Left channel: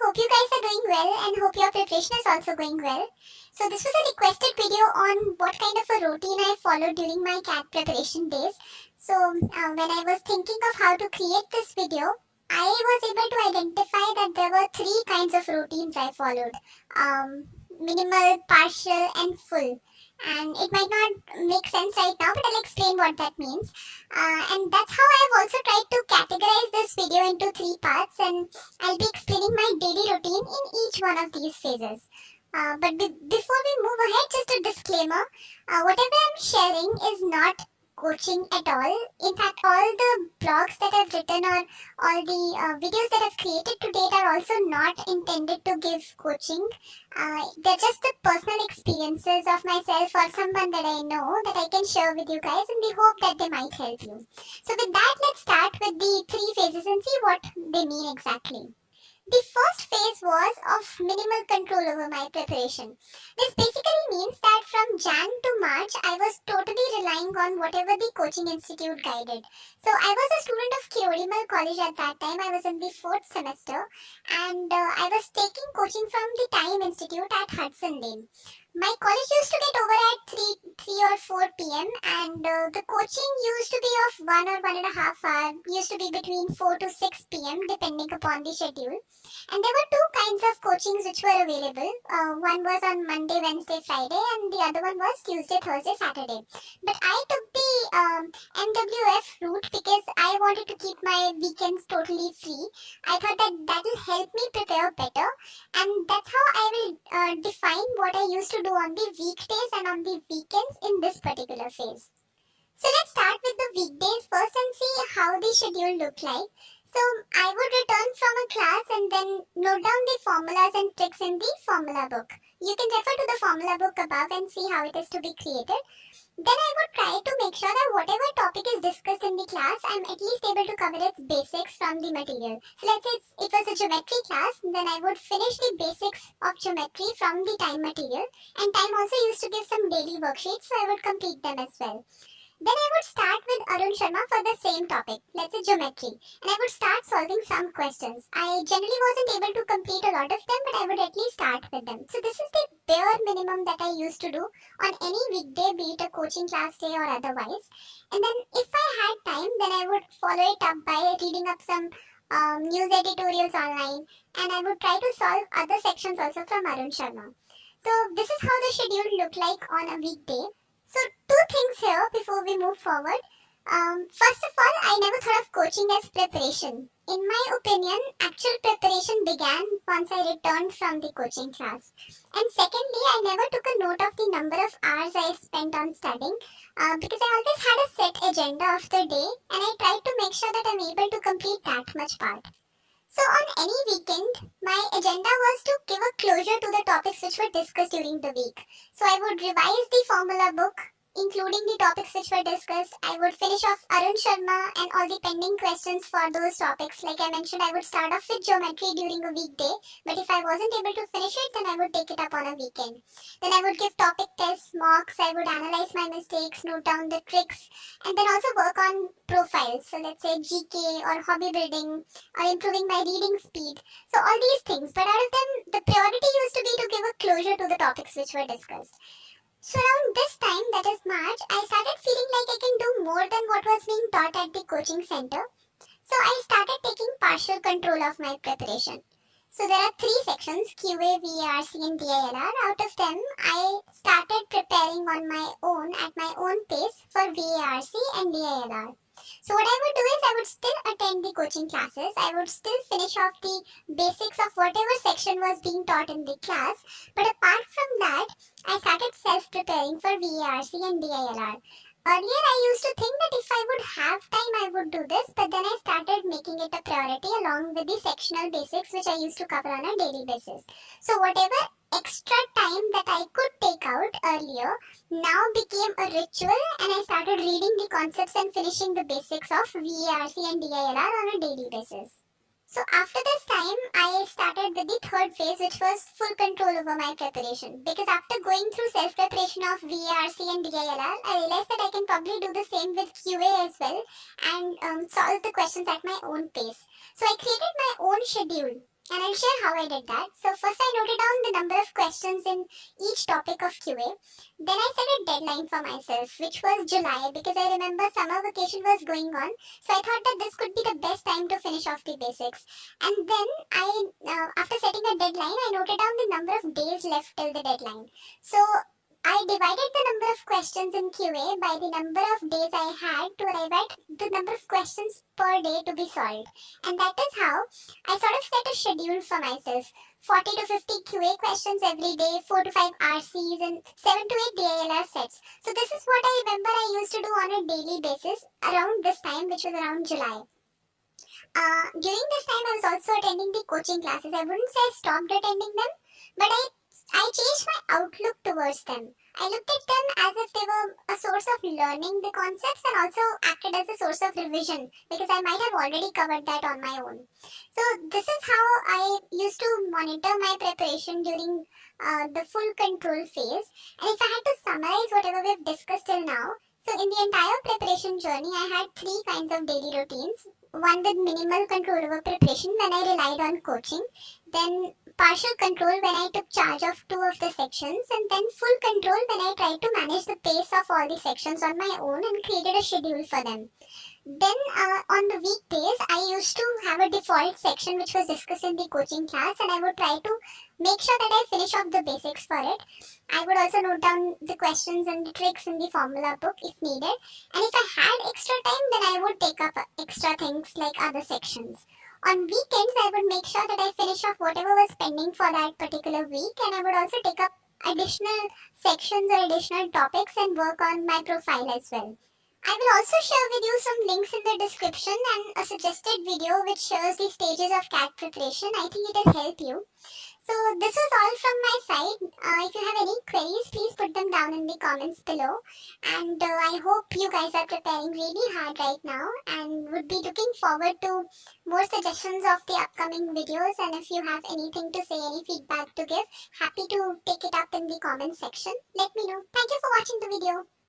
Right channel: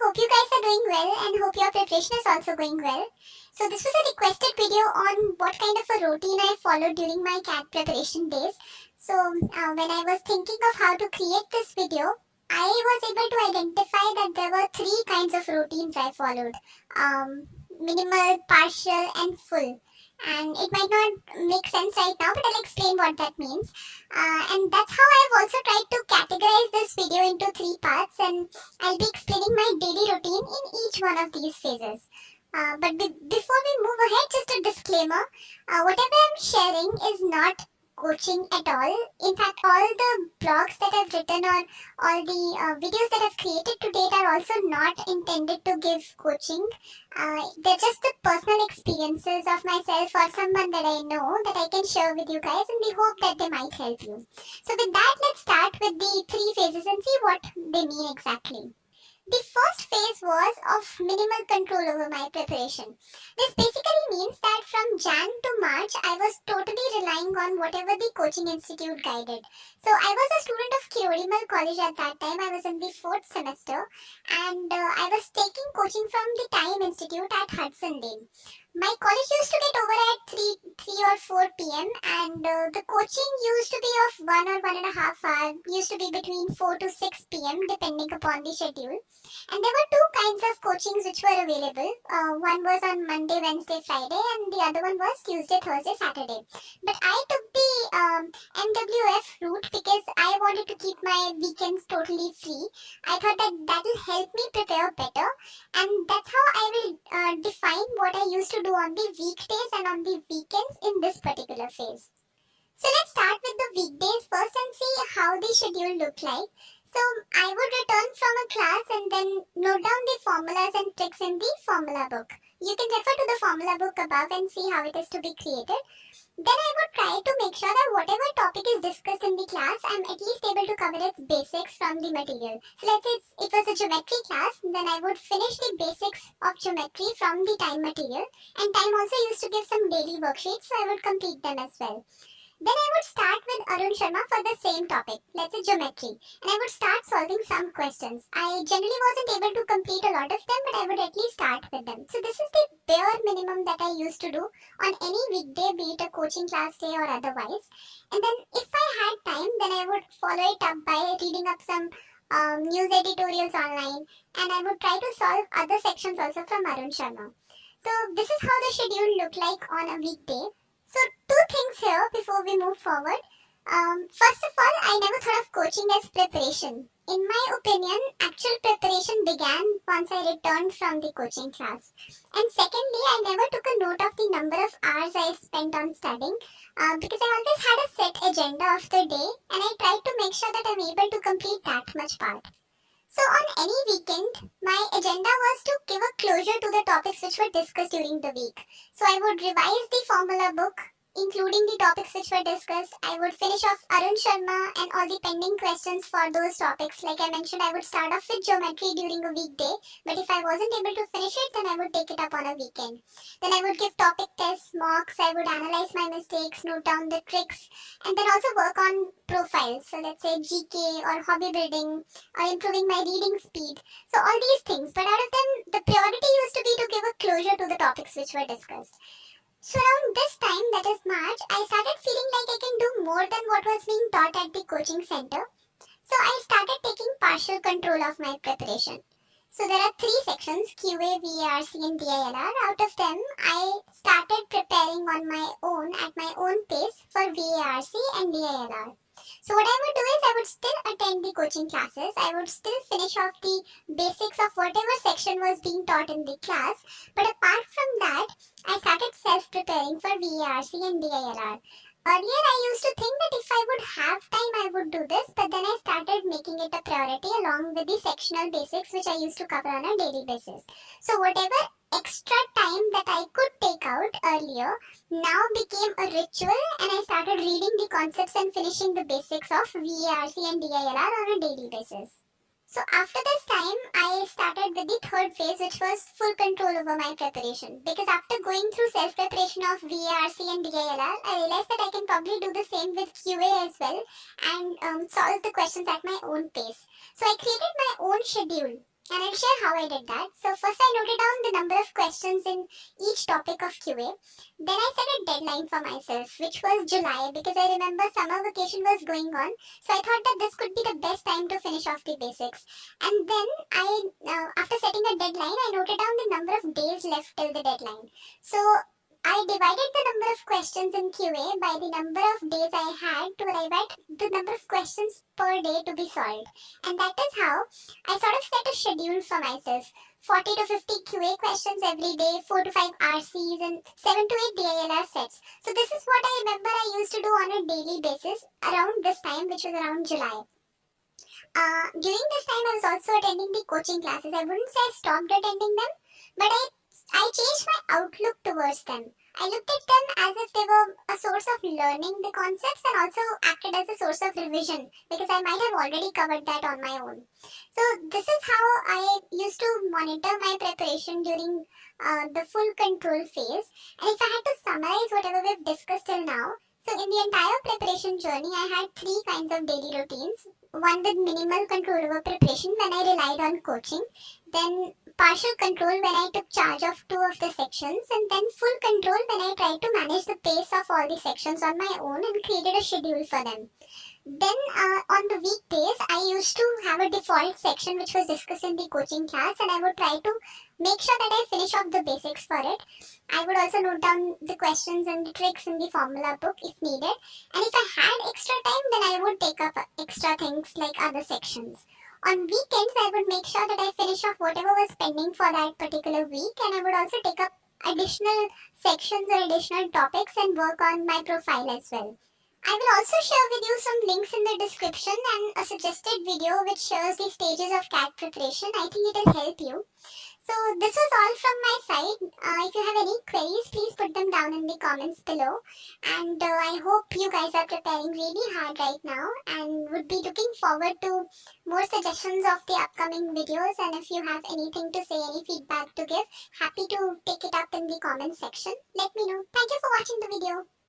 Hope you guys are doing well and hope your preparation is also going well. So this was a requested video on what kind of a routine I followed during my CAT preparation days. So when I was thinking of how to create this video, I was able to identify that there were three kinds of routines I followed. Minimal, partial and full. And it might not make sense right now, but I'll explain what that means. And that's how I've also tried to categorize this video into three parts, and I'll be explaining my daily routine in each one of these phases. Before we move ahead, just a disclaimer. Whatever I'm sharing is not coaching at all. In fact, all the blogs that I've written or all the videos that I've created to date are also not intended to give coaching. They're just the personal experiences of myself or someone that I know that I can share with you guys, and we hope that they might help you. So with that, let's start with the three phases and see what they mean exactly. The first phase was of minimal control over my preparation. This basically means that from Jan to March, I was totally relying on whatever the coaching institute guided. So I was a student of Kirodimal College at that time. I was in the fourth semester, and I was taking coaching from the Time Institute at Hudson Lane. My college used to get over at 3 or 4 p.m. and the coaching used to be of 1 or 1.5 hour, used to be between 4 to 6 p.m. depending upon the schedule. And there were two kinds of coachings which were available. One was on Monday, Wednesday, Friday, and the other one was Tuesday, Thursday, Saturday. But I took the MWF route because I wanted to keep my weekends totally free. I thought that will help me prepare better, and that's how I will define what I used to do on the weekdays and on the weekends in this particular phase. So let's start with the weekdays first and see how the schedule looked like. So I would return from a class and then note down the formulas and tricks in the formula book. You can refer to the formula book above and see how it is to be created. Then I would try to make sure that whatever topic is discussed in the class, I'm at least able to cover its basics from the material. So let's say it was a geometry class, then I would finish the basics of geometry from the time material. And time also used to give some daily worksheets, so I would complete them as well. Then I would start with Arun Sharma for the same topic, let's say geometry, and I would start solving some questions. I generally wasn't able to complete a lot of them, but I would at least start with them. So this is the bare minimum that I used to do on any weekday, be it a coaching class day or otherwise. And then if I had time, then I would follow it up by reading up some news editorials online, and I would try to solve other sections also from Arun Sharma. So this is how the schedule looked like on a weekday. So two things here before we move forward. First of all, I never thought of coaching as preparation. In my opinion, actual preparation began once I returned from the coaching class. And secondly, I never took a note of the number of hours I spent on studying because I always had a set agenda of the day, and I tried to make sure that I'm able to complete that much part. So on any weekend, my agenda was to give a closure to the topics which were discussed during the week. So I would revise the formula book, including the topics which were discussed. I would finish off Arun Sharma and all the pending questions for those topics. Like I mentioned, I would start off with geometry during a weekday, but if I wasn't able to finish it, then I would take it up on a weekend. Then I would give topic tests, mocks, I would analyze my mistakes, note down the tricks, and then also work on profiles. So let's say GK or hobby building or improving my reading speed. So all these things, but out of them, the priority used to be to give a closure to the topics which were discussed. So around this time, that is March, I started feeling like I can do more than what was being taught at the coaching center. So I started taking partial control of my preparation. So there are three sections, QA, VARC and DILR. Out of them, I started preparing on my own at my own pace for VARC and DILR. So what I would do is I would still attend the coaching classes. I would still finish off the basics of whatever section was being taught in the class. But apart from that, I started self-preparing for VARC and DILR. Earlier, I used to think that if I would have time, I would do this, but then I started making it a priority along with the sectional basics, which I used to cover on a daily basis. So whatever extra time that I could take out earlier now became a ritual, and I started reading the concepts and finishing the basics of VARC and DILR on a daily basis. So after this time, I started with the third phase, which was full control over my preparation. Because after going through self-preparation of VARC and DILR, I realized that I can probably do the same with QA as well and solve the questions at my own pace. So I created my own schedule and I'll share how I did that. So first I noted down the number of questions in each topic of QA. Then I set a deadline for myself, which was July, because I remember summer vacation was going on. So I thought that this could be the best time to finish off the basics. And then after setting a deadline, I noted down the number of days left till the deadline. So I divided the number of questions in QA by the number of days I had to arrive at the number of questions per day to be solved. And that is how I sort of set a schedule for myself. 40 to 50 QA questions every day, 4 to 5 RCs, and 7 to 8 DILR sets. So this is what I remember I used to do on a daily basis around this time, which was around July. During this time, I was also attending the coaching classes. I wouldn't say I stopped attending them, but I changed my outlook towards them. I looked at them as if they were a source of learning the concepts and also acted as a source of revision because I might have already covered that on my own. So this is how I used to monitor my preparation during the full control phase. And if I had to summarize whatever we've discussed till now, so in the entire preparation journey, I had three kinds of daily routines. One with minimal control over preparation when I relied on coaching, then partial control when I took charge of two of the sections, and then full control when I tried to manage the pace of all the sections on my own and created a schedule for them. Then on the weekdays, I used to have a default section which was discussed in the coaching class, and I would try to make sure that I finish off the basics for it. I would also note down the questions and the tricks in the formula book if needed. And if I had extra time, then I would take up extra things like other sections. On weekends, I would make sure that I finish off whatever was pending for that particular week, and I would also take up additional sections or additional topics and work on my profile as well. I will also share with you some links in the description and a suggested video which shows the stages of CAT preparation. I think it will help you. So this was all from my side. If you have any queries, please put them down in the comments below. And I hope you guys are preparing really hard right now and would be looking forward to more suggestions of the upcoming videos. And if you have anything to say, any feedback to give, happy to take it up in the comment section. Let me know. Thank you for watching the video.